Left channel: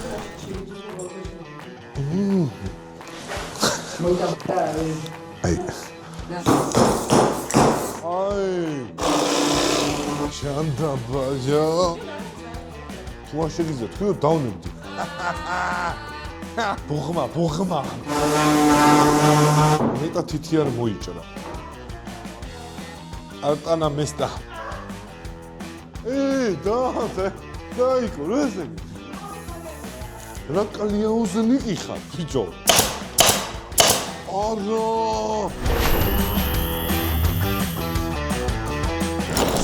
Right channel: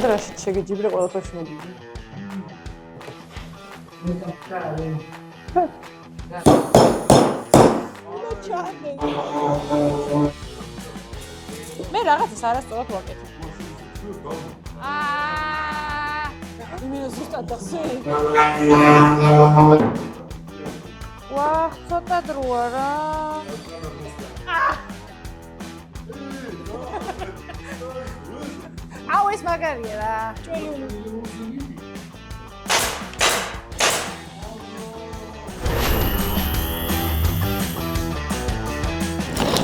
ადრაში შეგეჯიბრე ყველაფერს მე. შანდა ბაჟო. მე რაღაც არასწორად ვაკეთებ. ვა შეგიძლია თქვენ დავნებდი. ბოხმა. მეტა თითი არ მოიჭრა. ვა, ცოტა დროა რა. არტანა მესტა. დაიქო, რა ესე? აუ ეს მაგარია რა. რა კალია უზენი იხა, ხიჯო. არო.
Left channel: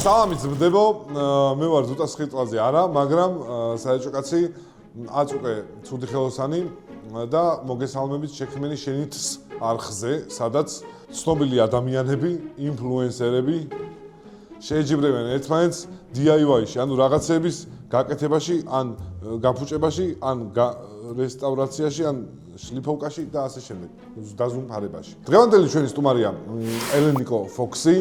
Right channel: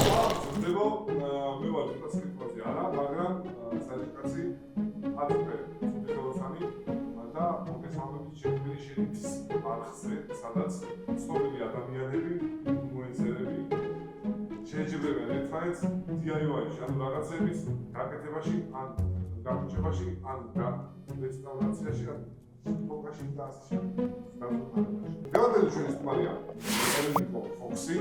სამი ზრდებო, მე ვარ ზუტა სხიტლაზე არა, მაგრამ საერთო კაცი აწუყე ცუდი ხელოსანი და მოგესალმებით შექმენი შენით არხზე, სადაც ცნობილი ადამიანები, ინფლუენსერები შეეჯიბრებენ ერთმანეთს DIY-ში, ანუ რაღაცების გაკეთებაში, ან გაფუჭებაში, ან რესტავრაციაში, ან შლიფოვკაში და ასე შემდეგ, დაზუმფარებაში. დღევანდელი ჩვენი სტუმარია ელენიკო ფოქსი.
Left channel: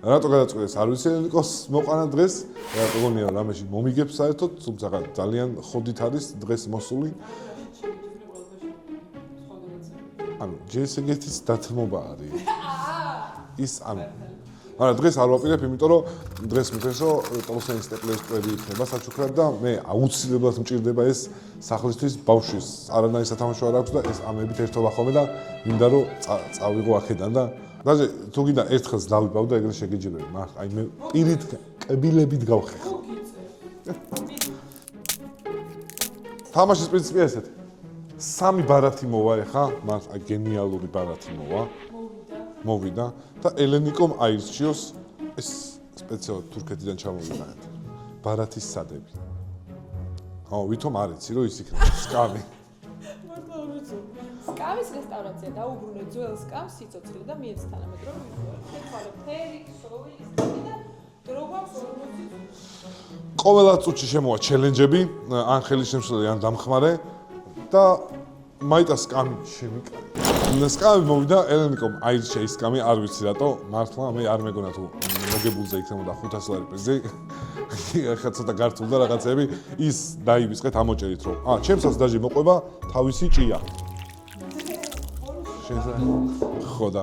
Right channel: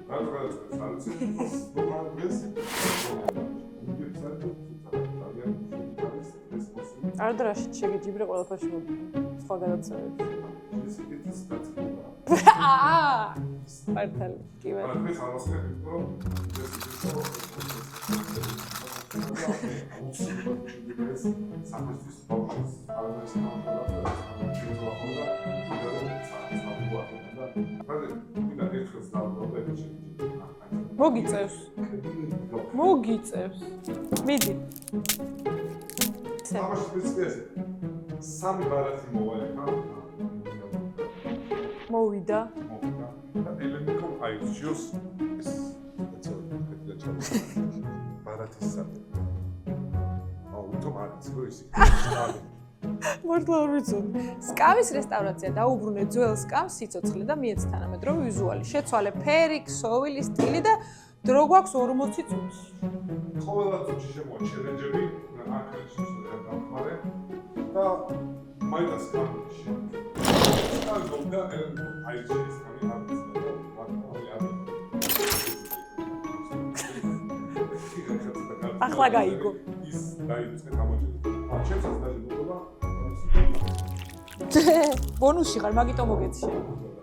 რატო გადაწყვეტეს არ ვიცი ელენიკოს მოყვანა დღეს? რატომია რამეში მომიგებს საერთოდ, თუმცა ძალიან ხოდით არის დღეს მოსული. ადრაში შეგეჯიბრე ყველაფერს მე. სხვა გადაცემები. ანუ ჯესეგეთის დათმობა არის. ის ანუ არა დღეს არ ვაპირებ, იმიტომ რომ დღეს მითხრეს რომ პროფესიონალის სტეპლერი იქნება საჩუქრად და მე აუცილებლად მჭირდება ეს სახლისთვის ბავშვის არანაირი სათამაშო არ აქვს და ეს ამებით ერთობა ხოლმე და მინდა რომ წავიღო აქედან და დაჟე თუ გინდა ერთხელს დავიბავ და ეგრე შეგეჯიბრებ მაგ აი მე პირით კბილებით გავხე. მოგიწევს. მიდი. თამაშის პრინციპი ესეთი. სამი ბარათი მოვა ეხა, მას აი გენიალური ბარათი მოვა. მოვიდა და ელენიკომ აირჩიოს ეს სპეციალურად თურქეთიდან ჩამოვიდა. ბარათის სადები. აუ, ვითომ არ იცი რომ ის იქნება სკამი. მართლა არ ვიცოდი. სკამის რესტავრაცია დაუბრუნე ძველ სკამს სიცოცხლე და მიეც თანამედროვე ვიზუალი. შეცვალე ფერი, ქსოვილი, სტილი და დრო გვაქვს 40 წუთს. ყოველა წუთში შემოვა ჩელენჯები, ან ხელის შემშლელი, ან დამხმარე და მაიტა სკამი შემიკა. სკამი მოვიდა, ელენიკომ აირჩია ის სკამი, არ ვიცი რატო, მართლა მე არ მეგონა თუ მოგებულზე იქნებოდა 500 ლარი პენზი. ახლა ცოტა გართულდა რაღაცები, ის დაივიწყეთ ამოჭერით რომ. ჩემსაც დაჟე მოყვება თავისი ჭია. ბონუსი ხარ, მაგიტომ მოგეცი. ხო და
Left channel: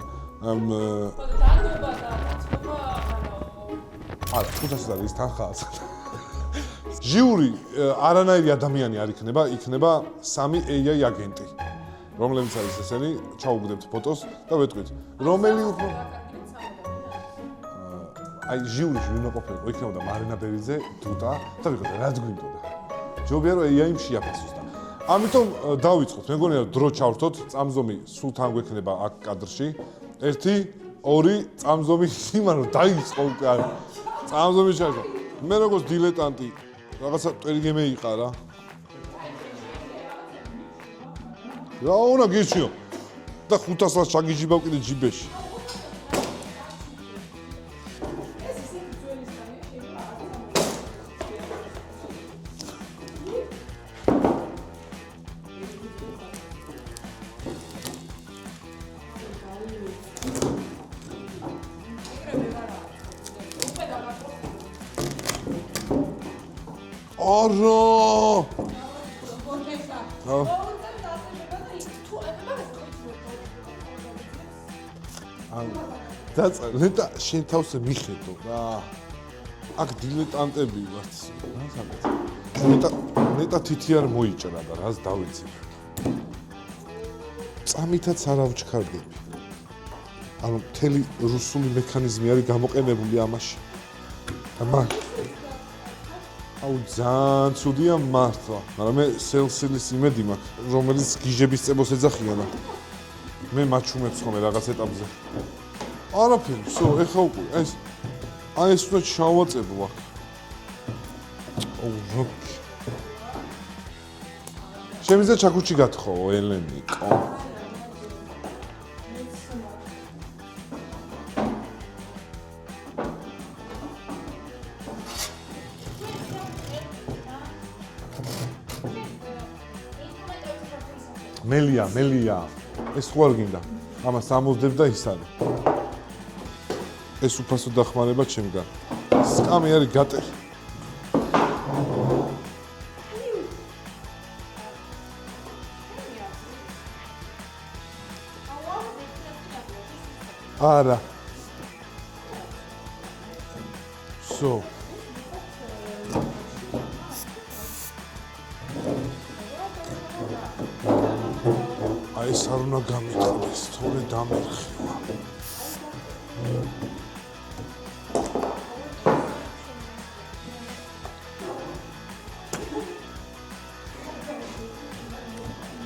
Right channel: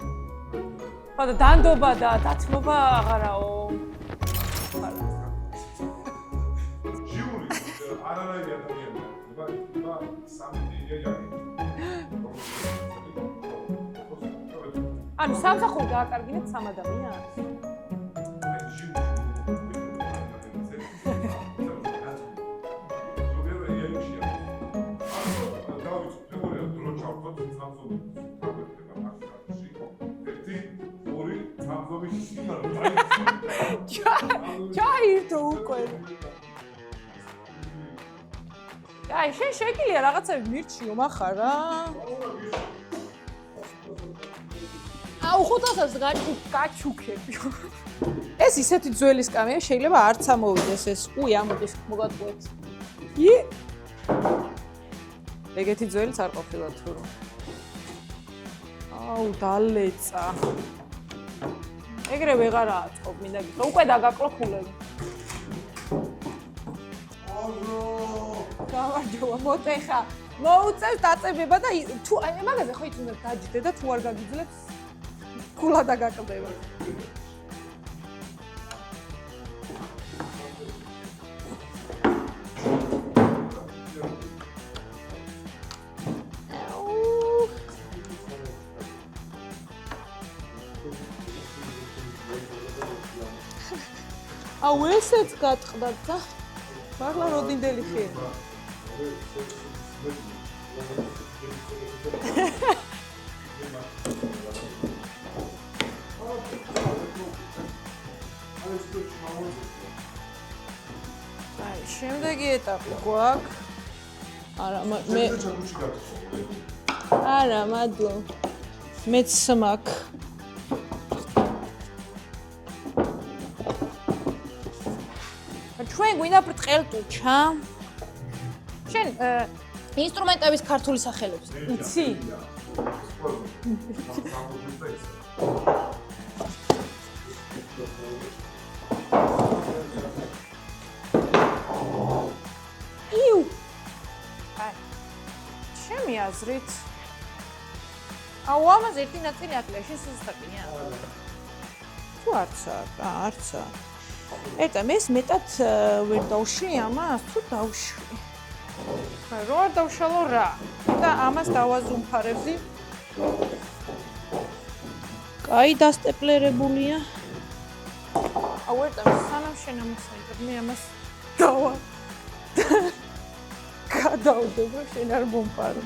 ხო და დანდობა და დათმობა აღარაო. არა, 500 ლარი ის თანხაა. ჟიური არანაირი ადამიანი არ იქნება სამი AI აგენტი, რომლებიც არის ესენი, ჩაუგდებთ ფოტოს და ვეთქვით, რომელი სამხატვრო გააკარგინეთ 3 ადამიანს. აი ჟიური უნდა ყოფილიყო იქნებოდა მარინა ბერიძე, თუთა და ვიღოთ რაც გვინდოდა. ჯობია რომ AI-ში შეაფასოს და ამიტომ დავიწყოთ, მე მგონია რომ დრო ჩავრთოთ, წამზომი სულ თან გვექნება აქ კადრში. 1 2 წამზომი იმან რომ დაიწყო უკან. წამზომი შეიძლება. მე როგორც დილეტანტი რაღაცა ტერიგე მეიყარა. აი, შენ შეგიძლია რაღაცები მირჩიო מחარ რა. რა უნდა გირჩიო? და 500-ს ჩაგიჯიბავ კიდე ჯიბეში. აუ 500-ს გაჩუქები. ეს ისეთი ძველი სკამია, შეიძლება არც ამოვიდეს ეს. უი, ამოდის მოგატყუეთ. ი? ეგეთი ძველიც არ ყოფილა თუ. აუ, დალეცა. ეგრე ვეღარ აწყობ, მინდა. უკვე დაგაკლოფულებ. არო! გამარჯობა, მოდეხა. მოუწევს დაწებება და თუ აი მაგაზე ხო იცი დაჯდე და თუ არ გაგიძლებს ფულა დაგაკლებ. დაწე და შენ თავს მიხედო რა. აქ დილეტანტები ვართ. მეტა თითი არ მოიჭრა და რას დავიცი. წამითაც არ ავჩქარდები. ანუ მთელი რუსული მექანიზმი არის გამოყენებული ამაში. აუ ესეც გატყდა და აუ ძალიან ცუდია მართლა, მაგრამ მე სელსილის იმედი მაქვს, რომელიც გიჟების წებოს ეძახიან. მე მაჩვენებს ხოლმე რაღაც ეტაპზე. არაფერი, всё, ეხა უკვე ეს აი ეს უნდა ჩავაწებო აქ. შემდეგი ეტაპი გვაქვს. არა, შემიძლია ჩაქუჩი გათხოვო, ელენიკო. არა, მადლობა. მეც მაქვს. ჩვენ გვინდა ბრტყელტუჩა. შენ ინსტრუმენტების ქართული სახელი. მელია. ეს თუ არ გინდა. ამას ამოვდებ და ის არის. ეს უფასო დახმარება ჩემგან. სკამი არის გატეხი. იუ. ჩემი აზრით. აუ ამას ერთი ნაწილი აკლებში სუსტაკია. არა. თუ არცა, არცა. სო. ეტა მე მეტად ვერ დავშლი ამას, თუ დავშლი. რო არ დავშალო რა. და ამას დავაზუმხარებ. ეს არ უნდა გამიტანოს, თორე დამახსოვრა. კაი დასტეპლერებულია. აუ ეტა სანამ შენ ამას მე ამას დავა. გადავდები შენ არ მომპარე.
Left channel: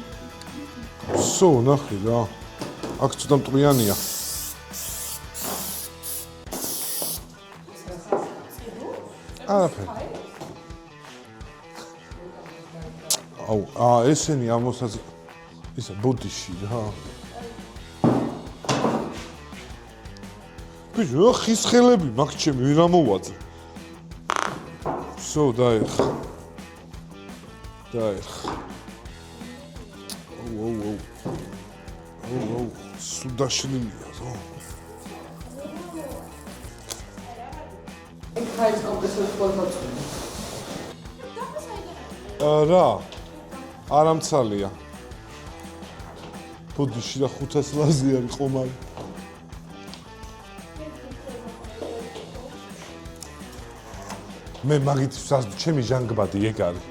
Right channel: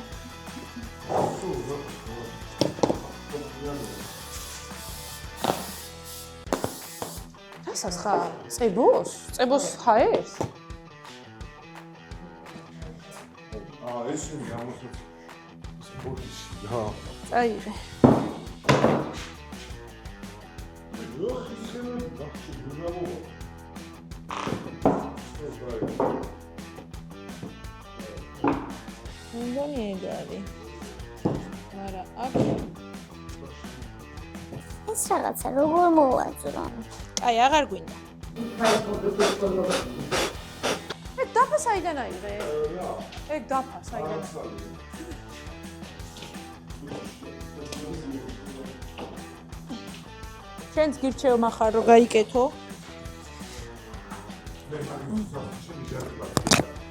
სო, ნახე რა. აქ ცოტა მტვრიანია. რასაც ხა? წებოს? წებოს ხა ეს? აუ, ესენი ამოსაც ისა ბოდიში რა. წაიდე. ბიჭო, ხის ხელები მაგ ჩემი ვერ ამოვაძე. სო, დაიხ. მეგონი ეგარი. ოუ. სულ დაშლილია რა. ეს რაღაცა როგორ მოვაძრო? აი, აღარ გვინდა. ხაის კომპლექსის ფოტო. დაფა საიდან აიღე? რა, ეგ დაფა. არამცალია. ბოდიში და 500 ლაზი არის ყომარი. შენც გირჩევ מחარ რომ გაიკეთო. მე მაგითაც ჩემი ჟანგბადი ეგ არის.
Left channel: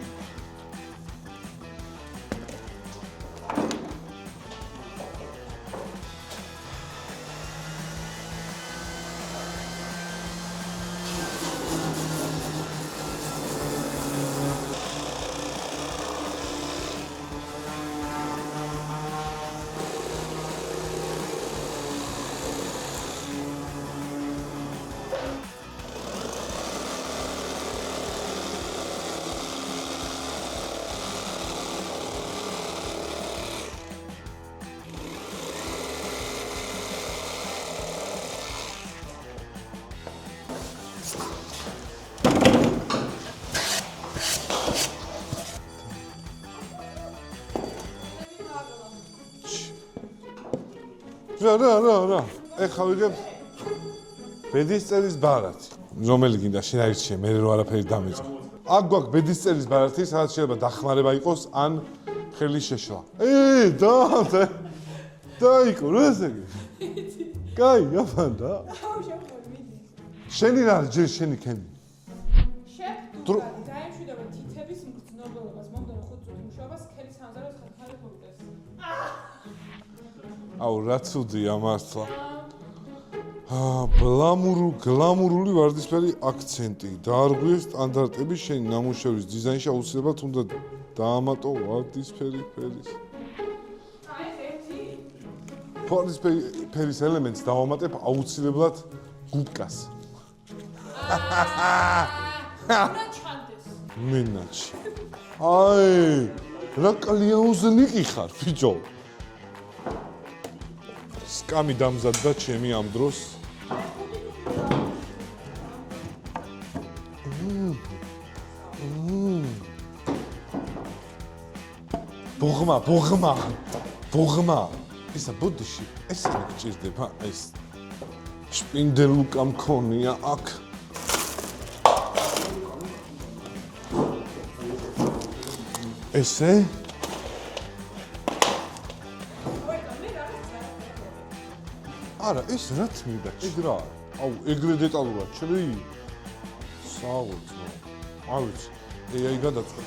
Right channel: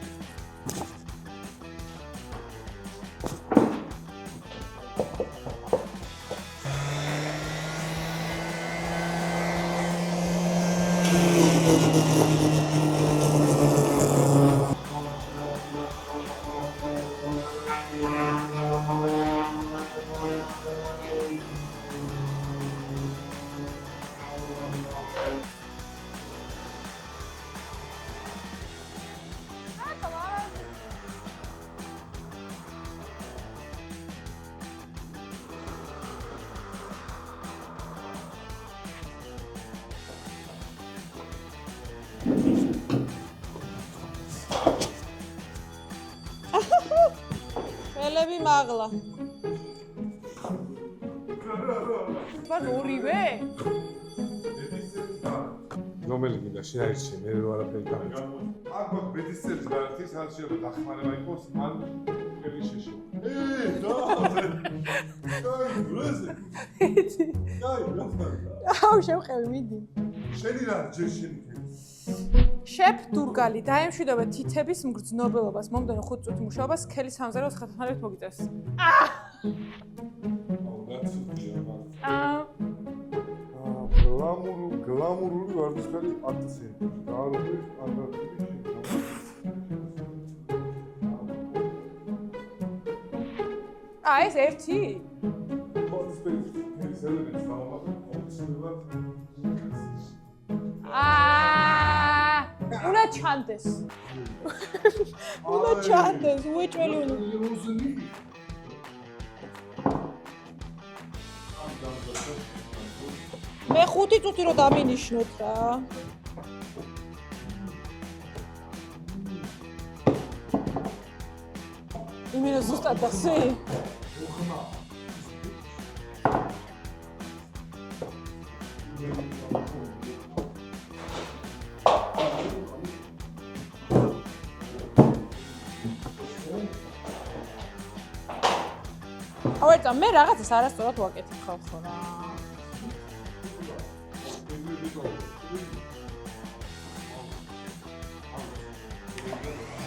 ხელები მაღლა. რა. ეხლა ვიგებ ბედისწერის ბარათი. რომელი გინდა შენ აირჩიე, მე რო არაფერი დამეწყო. აქ გვაქვს ბედისწერის ბარათი, სადაც შეიძლება დახმარება იყოს ან ხელის შეშლა. დაიკო, რა ზეგი? კაი, გაფანდა. აუ, შევყევი, მიდი. შენი რა, ჯერ შენი ქენი. შეფ დურგალი დაემშვიდობა თითების მგრძნობელობას. მომდენო 5 წუთი მუშაობას სქელის სამზარეულოს ხერხნარით მოგიწევს. აუ, რა ცუდია მართლა. გლამურული ვარდისფერი აქცენტი. დაარღვიეს სტანდარტები შენი ნამუშევრის დიზაინში აუცილებლად უნდა დაამატო ვარდისფერი ფერის. ეს ერთი? ვარდისფერის ელემენტს დავამატებ აუცილებლად გუბკას. უნდა ჩანდეს. მინაშ. რა კალიაუზნიკი ხარ, ბიჭო. სკამი დამზადდა ჩემი ამ დროს. მე 5 წუთი რო დამინიშნოთ რა. ბოღმა. ისა ბუდიში, ეს ჭირდება ეს. შპინდელუკა მქონია აქ. ესე? ეტა მე რაღაცას არასწორად ვაკეთებ ხალხო რა. არა, ეს რაც მინდა, კიდრა. აუ, ეგრე დეტალურად შევი. საუთ. აუც. აი გადაწყდა.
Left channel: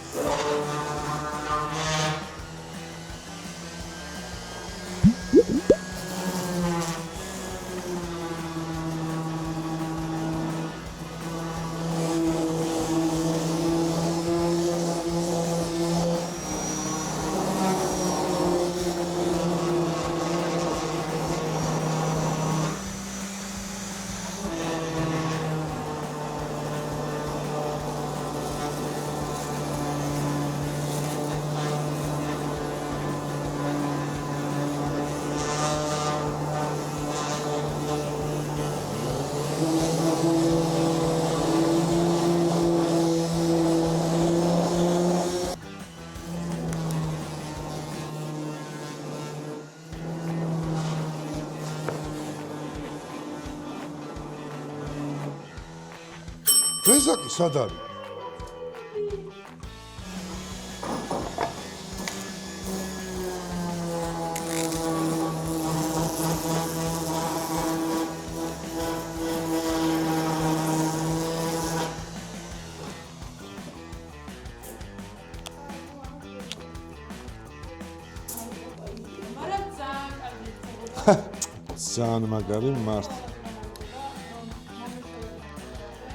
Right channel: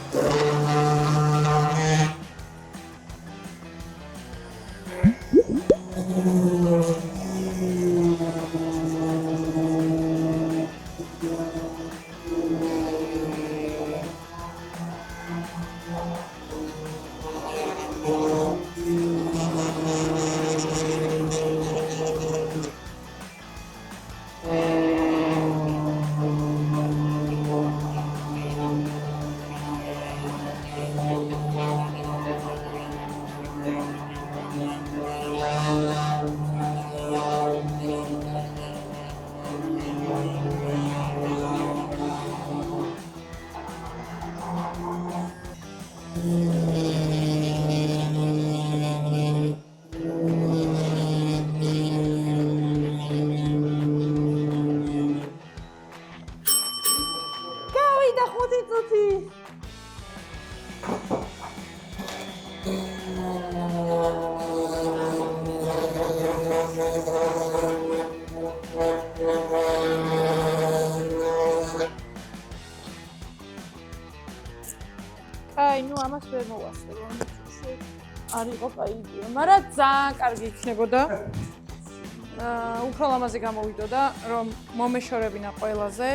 რეზაკი სად არის? გავიდა 5 წუთი. ამას ვერ მოვასწრებ. არ იყო კაი, მაგრამ ძალიან კარგი იქნებოდა. ძალიან მაგარი, უფრო ლამაზი გამოვიდოდა, რომ მომეშორებინა ყველაზე.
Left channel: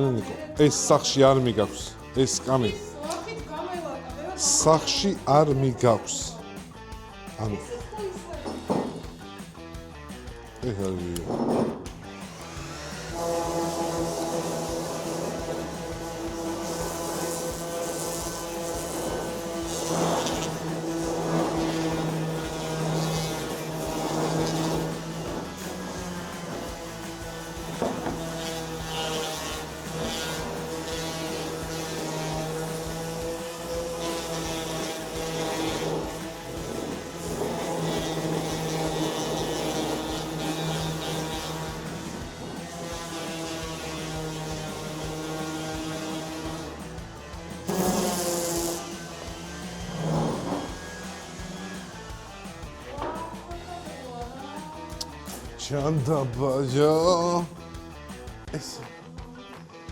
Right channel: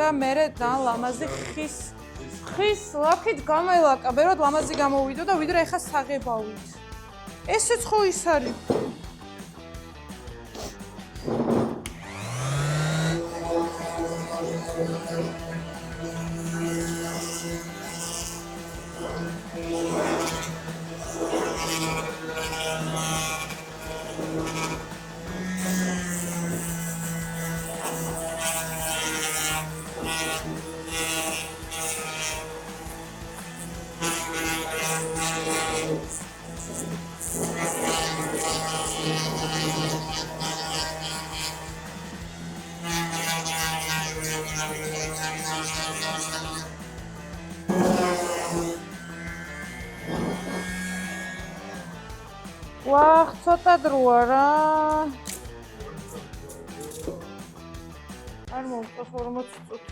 და მე ეს სახში არ მიგავს. ეს კამი. ის ლაფით გამელაკა, ბეროდ ლამაზი გამოვიდოდა, ვიდრე ეხა საღებავით. ესეც ხო ის არის. ვახ, ცოტა დროა რა. ჩანდაბაჯა. არ მომწონს 40 წუთი.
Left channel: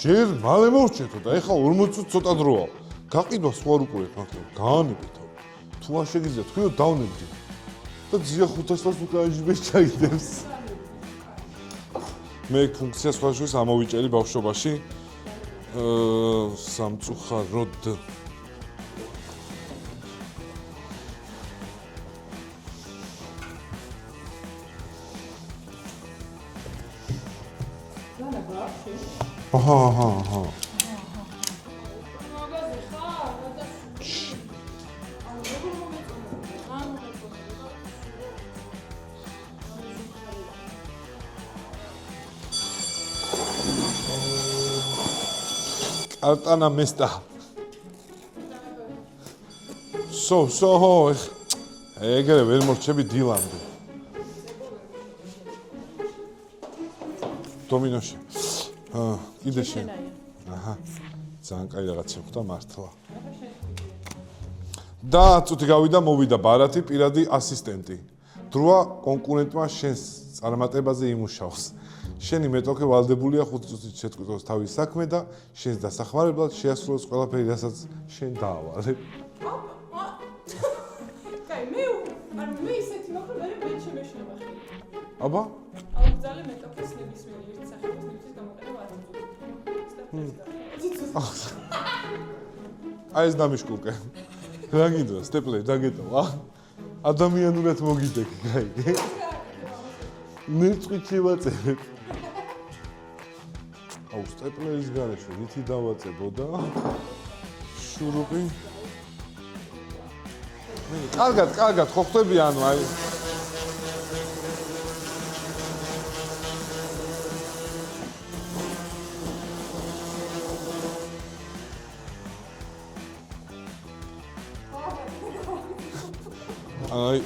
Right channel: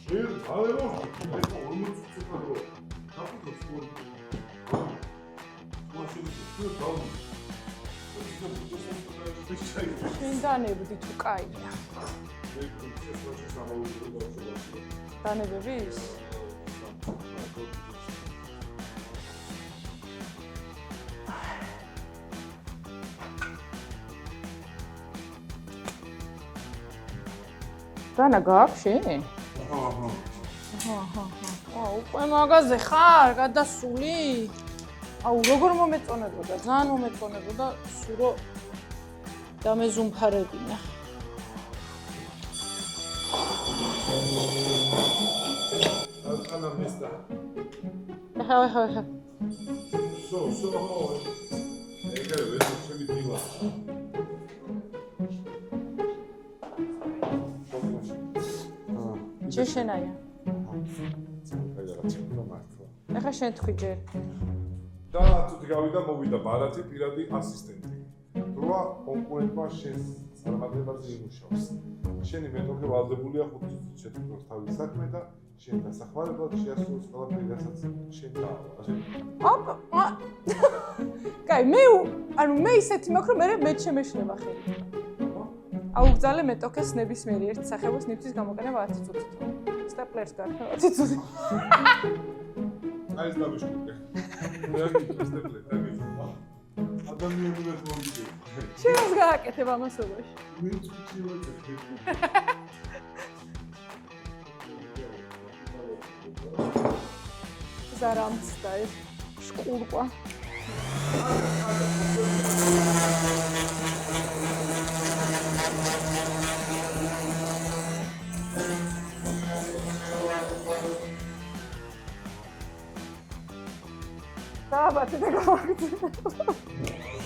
ჯერ მალე მოვჭეთო და ეხლა 40 წუთი ცოტა დროა. გაყიდვა სხვა უკვე ხარ. გაანებეთ. თუ არ შეგიძლიათ, თქვენ დავნებდით. და ძია 500-ს უკვე აიჟბეს ჩაიდებს. დანებდი თუ კაი. მე ფუნქციას ვაჟოს ამოვიჭერი ბავშვობაში. დანებები? სამწუხაროდ. დანა გააქვს შენ? აჰა. უკვე მაგაზე ხარ, გადასული? აუ, როგორ მომეწონებოდა, ძალიან მომეწონებოდა, სულო დამეზუმფარებინა. არტანა მესტა. აჰა. სო. ეგრე ვერ მორჩები დილამდე. დომინოში. კიდე შენ. აჰა. ძალიან კაი რაღაცა ხდა მართლა. ახლა შენ თქვი ჯერ. და წუთი გავიდა, მოვიდა ბარათი, პირადი ასისტენტი. დროა კონკურენტმა შენს წარმატებაზე იმუშავს. შენი მეტოქე ვალდებულია 5 წუთით შეტყვითოს თავის საქმე და შენს დასახმარებლად შეასრულოს ყველაფერი, რასაც შენ დაავალებ. კაი, მე ისეთი მაქვს, რომ მე შემეშლება ხელი. აბა? აუგზავნე მეტოქეს ნებისმიერი ერთ სახეობის ნივთის გამოყენება 10 წუთით. სტეპლერს გარდა 10 წუთით. აი ეს დამიშკულკე. რა გიდო, სტეპლერ, დაგეტოვა. ადამიანურად მოგიდეკ, კაი. შენს გააკეთებ ამასობაში. ნიწყი შევაწერებ. აუ, სტეპლერის გარეშე ვითი დავაწებოდა. სარამსтай. შკურყვა. კარგად, ხო ხტები ანუ აი. აი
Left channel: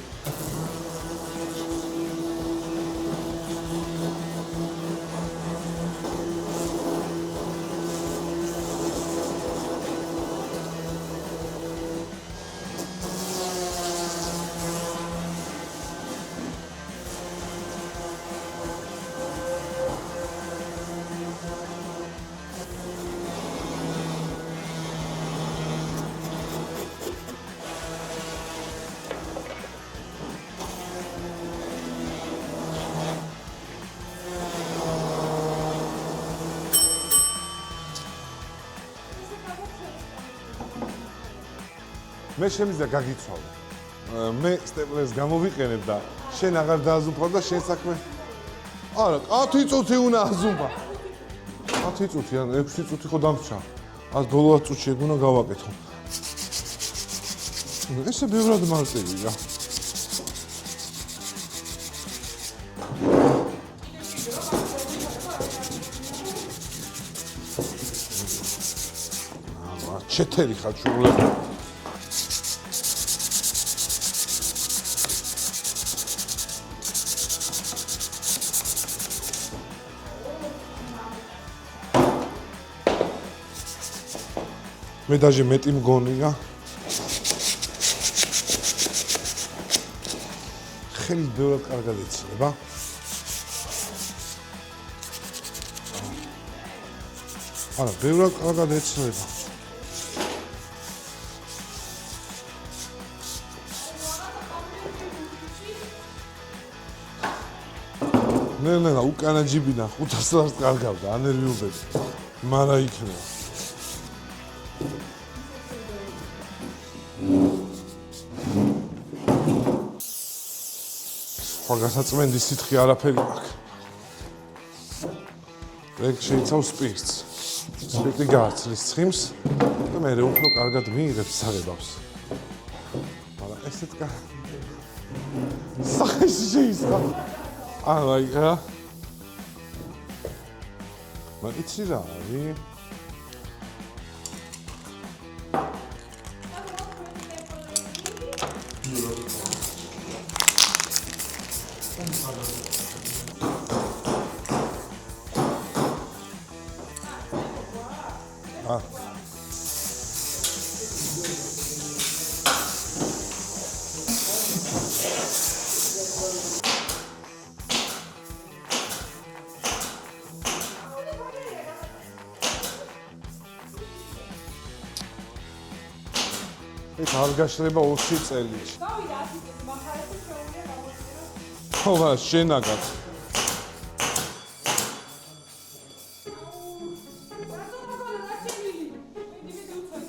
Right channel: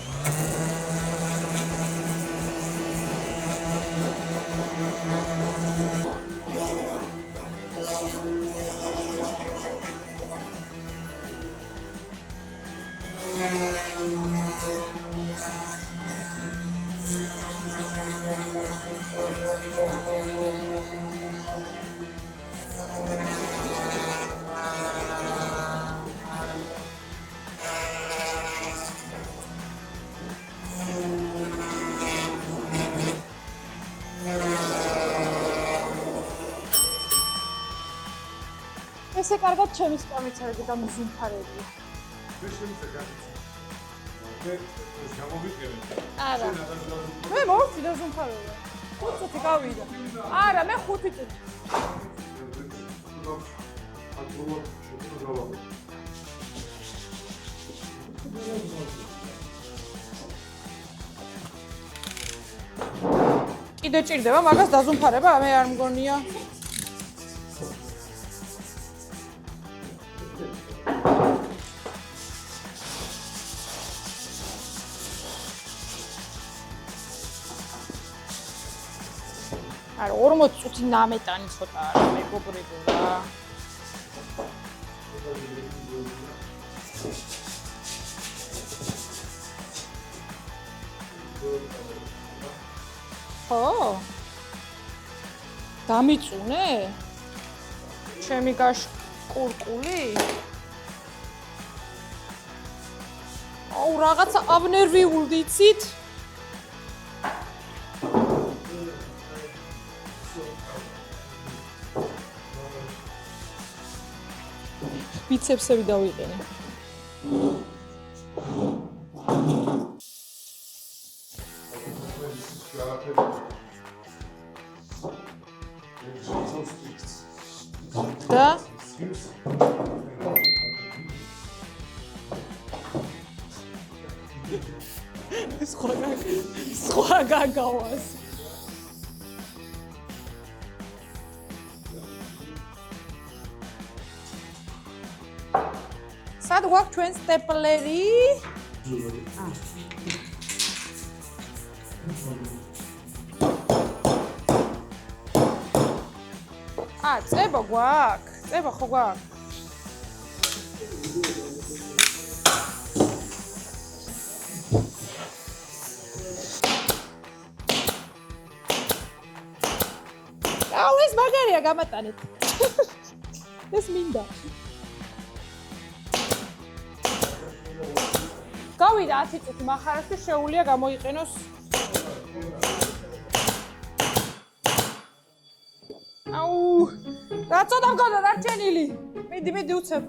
ესე კარგად ჩემი სკამიც არის და მზუმფარები. მე შემიძლია გაგიცვალო. მე სტეპლერს გამოვიყენებ და შენ აღარ დააზუმფარ და შენ საქმე. არა, 10 წუთი უნდა აზუმფარ. არა, მე 5 წუთი. 10 წუთი ან 6 წუთი ხო დამრჩა. ას ბოლო 10 წუთი უნდა გავაკეთო. ესე ბევრად მარტივი რა. კიდე ჭირდება მაგას დაზუმფარება, მე არ მგონია. ჩეთერი ხარ შუღლები. არა 40 წუთი ნამეტანი ცოტა მეგობრებო. მე დაჟე მეტი მგონია. ხელი ბევრად კარგად იცნება. ხო? დამიწუნე? არა, ბევრად ჩემი ყავდა მეცნიერება. ყურყული? აუ, რაღაცა აბნერვიულდი, იცით? ნენა, უკანა ჯიბინა 500 ლარს კარგავდა, ანერვიულებს. მარა იქნება. ბიცეპსები დავიყენე. სხვა გასაწმენდის სითხე არაფერი აქვს. ეგ შეიცავს სპირტს. სპირტი გააცნის ცხიმს და მე უფრო კარგად მიიღებს საღებავს. მაგრამ ესეთ ეს ხოსახის შეიცავს. ხა გაგავა. აი რა. მაგიცი რა, სად გვაქვს ჩვენ სტეპლერი? წება გვაქვს? წება ხო გვაქვს? აუ, ეს მაგარია გამატანეთ. ეს მინდა. ეს არ გაშლება 20 წელი. გავიდა 10 წუთი მახარებს და შეუულია გამოიყენოს. ხო, შენაგან. აუ, რაცოდა მქონდა დარჩენილი. მიდი უცებ.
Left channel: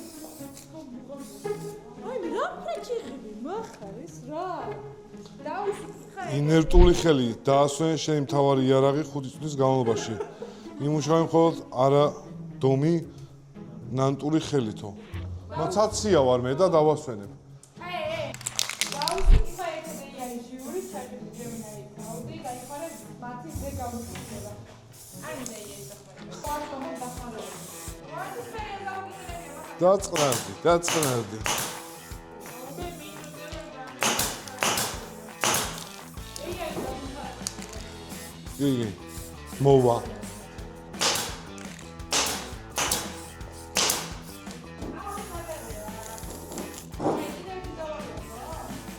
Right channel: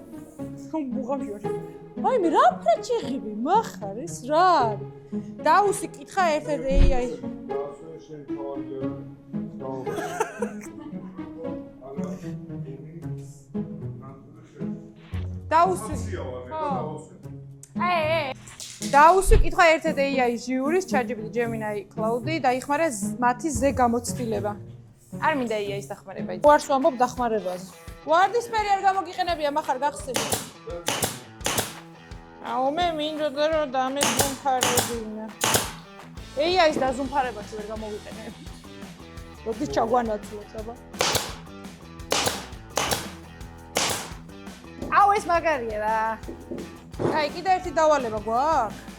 ბუღავია. აი, მე რა ფრეჩიხები მახარ ეს რა? დაუსი კითხა ერთ-ერთი. ინერტული ხელი დაასვენ შენი მთავარი იარაღი 5 წუთის განმავლობაში. იმუშავე მხოლოდ არა დომი ნანტური ხელითო. კონცენტრაცია ვარ მე და დავასვენებ. დაუსი კითხა ერთ-ერთი AI ჟიურის ChatGPT, Gemini, Cloud-ი დაიხმარა მათი ზე გამოცდილება. არ მინდა AI-ის დახმარება. უარს ვამბობ დახმარებაზე. ვარდისფერი არ გამოგიყენებია מחარ გახსენე. დაწყნარდი. აუ, მე მინდოდა რომ დამეზუმფარებინა. AI-ის დაზუმფარებაში ვერ გამოვიყენებ. იგი. როგორ ჩაგვანაცვლებ, აბა. აუ, ეს მაგარია რა. აი, კიდე ერთი დავალება გვაქვს?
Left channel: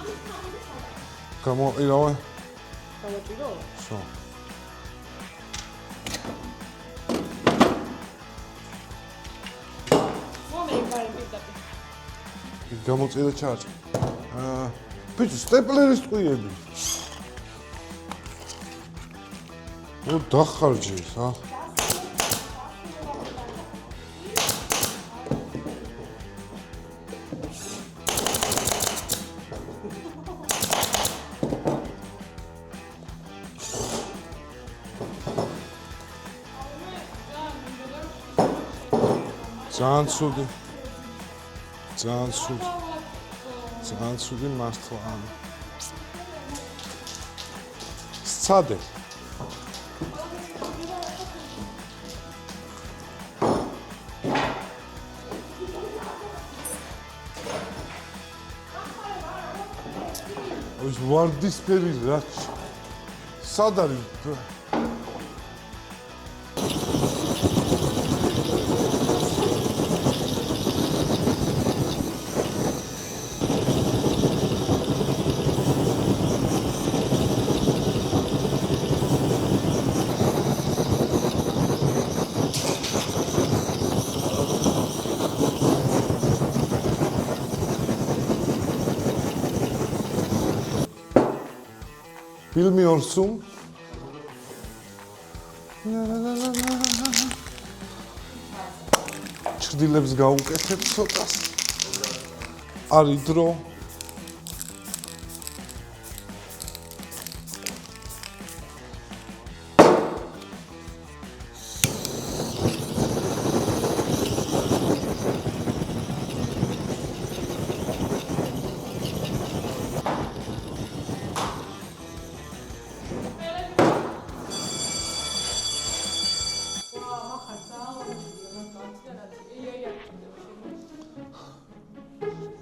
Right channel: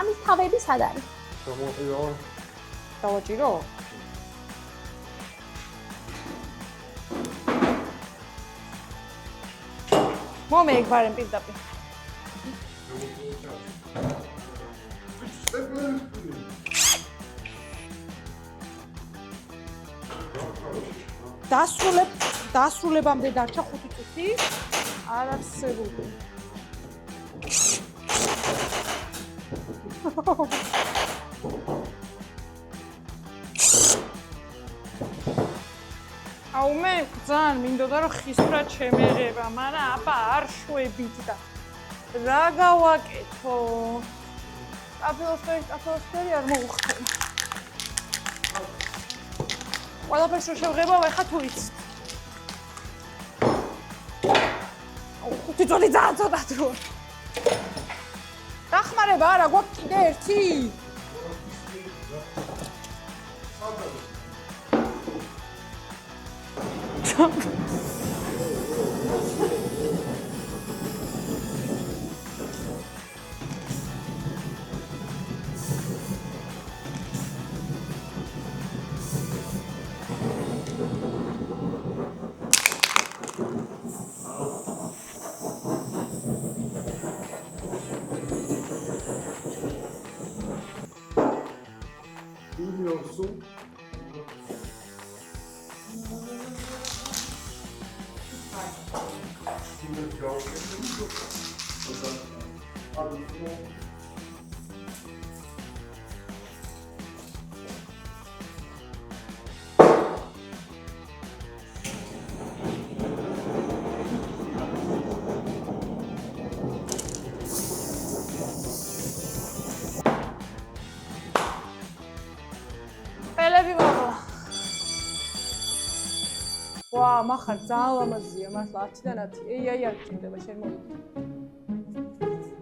ამის თავები სად არის? გამოიყირავე. დავაჭირო? ხო. მომეიქარენ პირდაპირ. გამოწირე ჩაჭი. ბიჭო, სტეპლერის ტყუიები. ნუ დახარჯე, რა. დასრულებამდე დარჩა 5 წუთი. არასერული. აუ, მე ძალიან მინდოდა რომ ხისფრად შემეღება, მაგრამ არ შვედით და რა გავაკეთო? ძალიან ცუდი მართლა. აფეროხტერი არ მოუხდა. სცადე. ყველაფერს შევღება, ვახა თუ იცი. თვითონი ძალიან ცოტა დრო. დახმარება არა გვაქვს კიდე ერთი. ეს ვარდისფერი რა. სად არის? ფილმი ორსუმ ჩრდილებს გავუკეთებ ცოტას არის დრო მახარ ძალიან ლამაზია, მართლა 10-დან 10. აი არ გჭირდება შენ მოვიდა.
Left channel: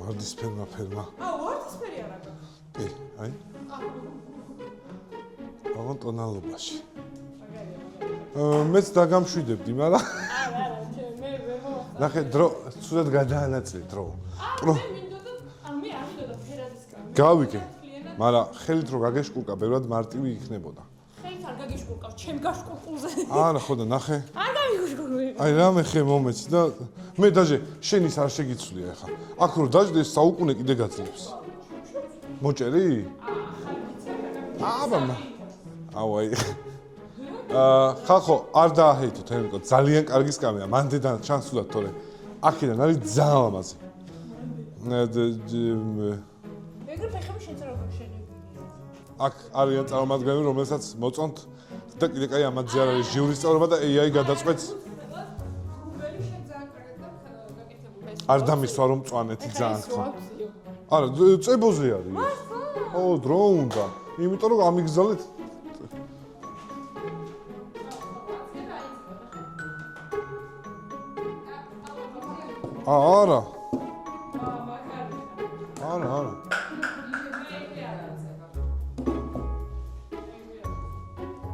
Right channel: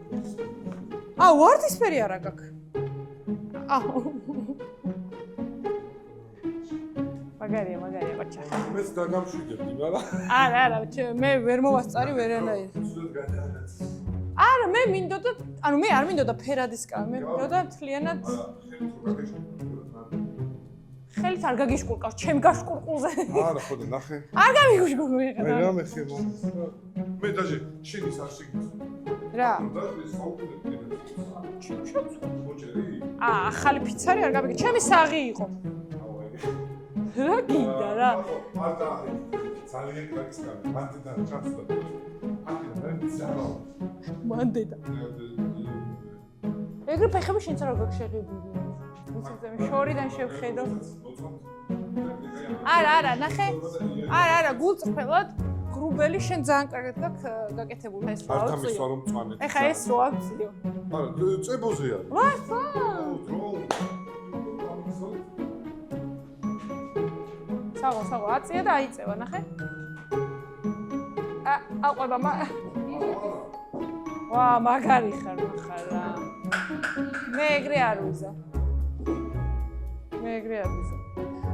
ვარდისფერმა ფერმა. ვარდისფერი არა გაქვს. აი. ტონალობაში. მაგარია. მეც დაგამშვიდებდი, მაგრამ არა, მე ვერ მოვასწარი ვერა. ცუდად გადაანაწილე დრო. არა, მე მინდოდა, მე არ მინდოდა ფერადისკა, მე მინდოდა თლიანად. მაგრამ ხელით რო გაგეშკურკა, ბევრად მარტივი იქნებოდა. ხელით არ გაგიშკურკავს, ჩემ გაშკურკულზე. არა, ხო და ნახე. არ გამიგუშკურკე. აი რამე ხე მომეცი და მე დაჟე შენის არ შეგიცვლია ახლა. აქ რო დაждე საუკუნე კიდე გაძლებს. მოჭერი? ახალი ფიცარი არ გამიგე. ჩემი საღი იყო. აი. ხახო არ დააჰეითოთ, ემიკო, ძალიან კარგი სკამია. მანდედან ჩანს თუდად თორე. აქედან არის ძალიან ლამაზი. მანდედან. ეგრე ფეხები შენც არ გაგშეღებილი. აქ არის წარმომადგენელი, რომელსაც მოწონთ და კიდე კაი ამაზე არის ჟიურის წევრობა და AI გადაწყვეტს. გულწრფელად გრუბელი შენ ძალიან კარგად გაკეთებული ეს. არ დამისვა რომ მწვანეთ ეხა ეს რო აქციო. არა, წებოზე არის. ო, დრო უნდა. იმიტომ რომ ამიგზავნეთ. საღო, აწია და აიწევა, ნახე. აყვება არა. ვა, მაგარი ხარ. არა. მე ეგრე არ ვიზა.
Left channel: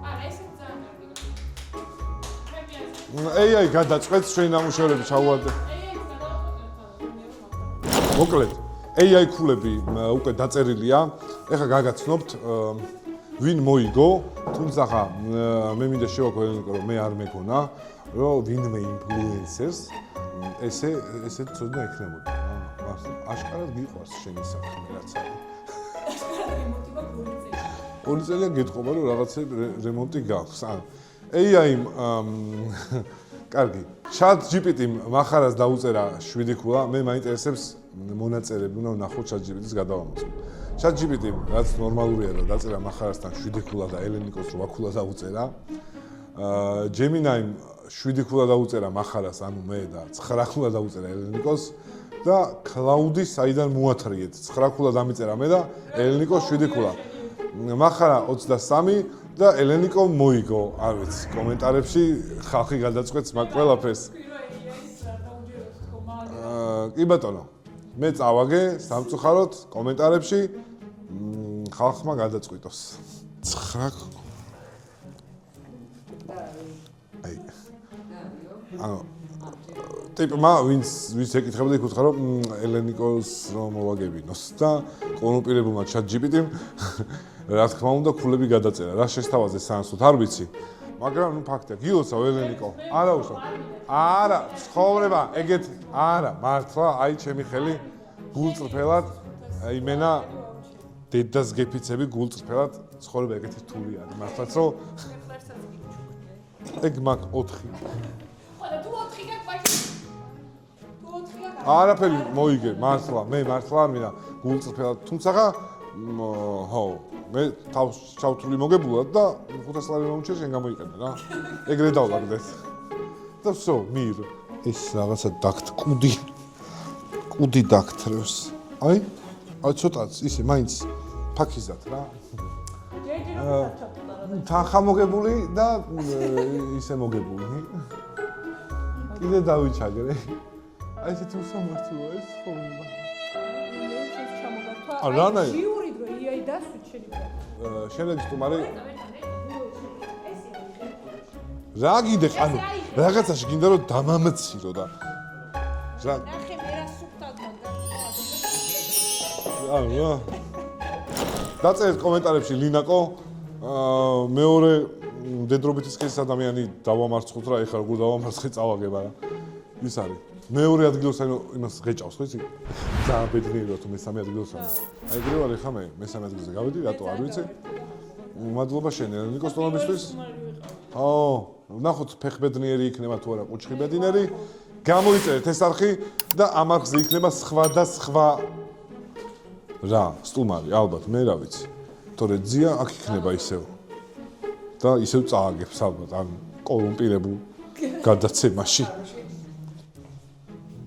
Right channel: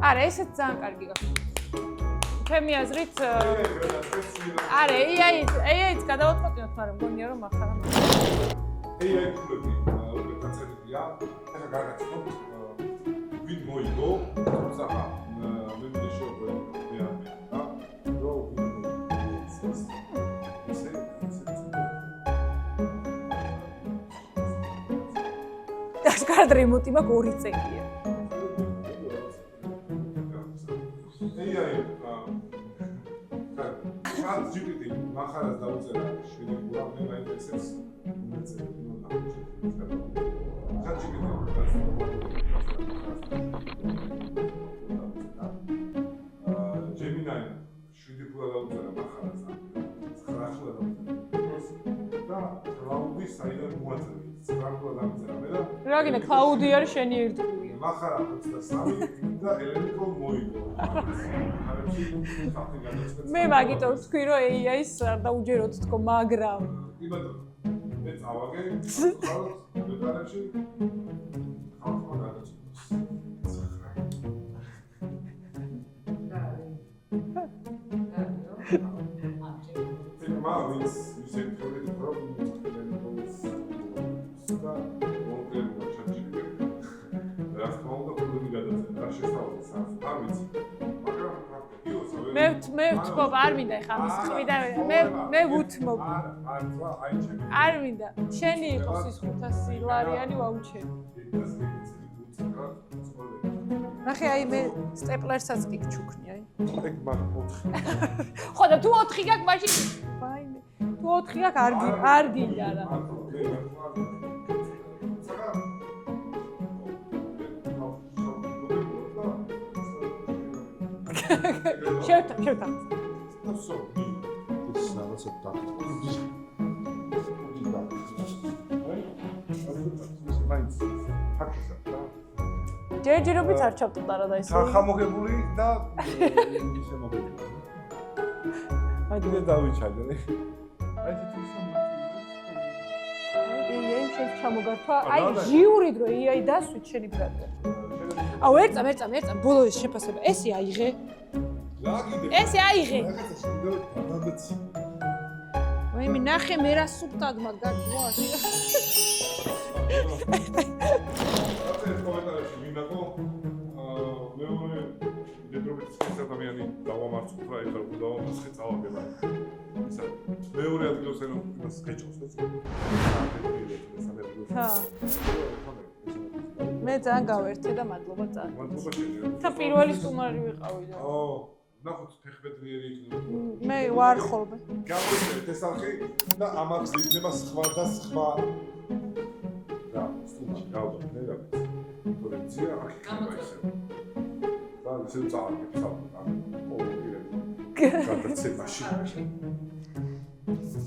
არა, ესეც ძალიან კარგი გაქვს. ჩემი აზრით AI გადაწყვეტს ჩვენ ნამუშევრებს ავადოთ. AI-ც გადავაწყვეტიოთ, მაგრამ მგონია რომ ახლა. მოკლედ, AI ქულები უკვე დაწერილია. ეხლა გაგაცნობთ ვინ მოიგო, თუმცა მე მინდა შევაკვირდეთ რომ მე არ მეგონა, რომ ვინმე ინფლუენსერს ესე ცოდნა ექნებოდა. აშკარად გიყვარს შენი საქმე. აშკარად რემონტი მაქვს 2 წელია. 2 წელია გეთხოვა რომ რაღაცა რემონტი გაქვს. AI კარგი. ChatGPT-მ מחარას დაუწერა 7 ქულა, მე მაინტერესებს მონაწერები, უნდა ვნახოთ ChatGPT-ს გადავამოწმო. ChatGPT-მ რაც ნორმალურია რომ დაწერა מחარასთან 7 ქულა და ელენიკოს 8 ქულა დაუწერა. Gemini-მ 7 ქულა დაუწერა מחარას, ანუ მე და 9 ქულა დაუწერა ელენიკოს და Cloud-ი საიდან მოათრიეთ. 9 ქულა დამიწერა მე და ელენიკოს 7 ქულა. מחარა 23 და ელენიკო მოიგო. არ ვიცი, კომენტარებში ხალხი გადაწყვეტს მაგ ყველაფერს. მე ვთქვი რომ AI-ს არ დაუჯეროთ თქო, მაგრამ კი ბატონო. მე წავაგე სამწუხაროდ კომენტარებში ხალხმა გადაწყვიტოს. 9 ტიპმა ვინც ეკითხებოდა იკითხა რომ ელენიკოს მოვაგებინოს და კონკრეტულმა ChatGPT-მ რა თქმა უნდა ქულები გადაწერა. რა შესთავაზე სანსოთ არ ვიცი. მაგრამ ფაქტია, გილოცავ ელენიკო. არა, არ მინდა ხა. არა, ცხოვრება, ეგეთ არა, მართლა, აი ჩემი ხელი. არ მინდა. გულწრფელად, აი მენა დედას გეფიცები გულწრფელად ცხოვრება ეგეთი რთულია. ნახე, აი მე სტეპლერსაც კი ჩუქნი, აი. ეგ მაგ 4. ხო და თუ 4 გაქვს, მაშინ ვაიმე. თუ 4 გაქვს, არაფერი მოიგე, მართლა, მე მართლა არ მინდა გულწრფელად, თუმცა ხო, მე თავს ჩავთვლი მოგებულად და 500 ლარი მომჭირ შენ გამოიყენე რა. ეგრე დავდაგდეს. და всё, მիր. ეს რაღაცა დაგთ კუდი დაგთრევს. აი ცოტაც ისე მაინც ფაქიზად რა. ჯერჯერობით არ ჩავტარა და ისე. თანხა მოგებული და ისე მოგებული. კიდე დავიჩაგრე. აი ესეთი უსამართლოა ეს ხოლმე. ეს ჩამოგართვა. აი ჟიური დრო AI დასვით შენი ბრატა. შენეჭი აუ ერწა, ბოლო ეს შეფასება. ესე აიღე. რა გიდე ხან? ესე აიღე. რაღაცაში გინდა რომ დამამცირო და მე მინახე მე რა სუფტად მაგარია. რა. დაწერეთ კომენტარებში ლინაკო. მეორე დედრობითი სქესის ადამიანი დავამარცხოთ რა, ეხლა როგორ დავამარცხე წავაგება რა. ის არის. მეორე ადგილს ანუ იმას ღეჭავს ხო იცი? ბედნიერია თუ მესამე ადგილს. აი ეგრე ვარ ეხლა მე მესამე ადგილზე გავედი რატო? მე ძალიან გავერთე და მადლობა ძალიან. მადლობა შენი, ნიკოს პირველი სტუმარი ვიყავი. ნახოთ ფეხბედნიერი იქნება თუ არა ყუჩხებედნიერი. გამოიწერეთ ეს არხი და ამ არხზე იქნება სხვა და სხვა რა, სტუმარი, ალბათ, მე რა ვიცი. თორე ძია აქ იქნება ისევ. და ისევ წააგებს ალბათ, ან კოლუმპირებულ გადაცემაში.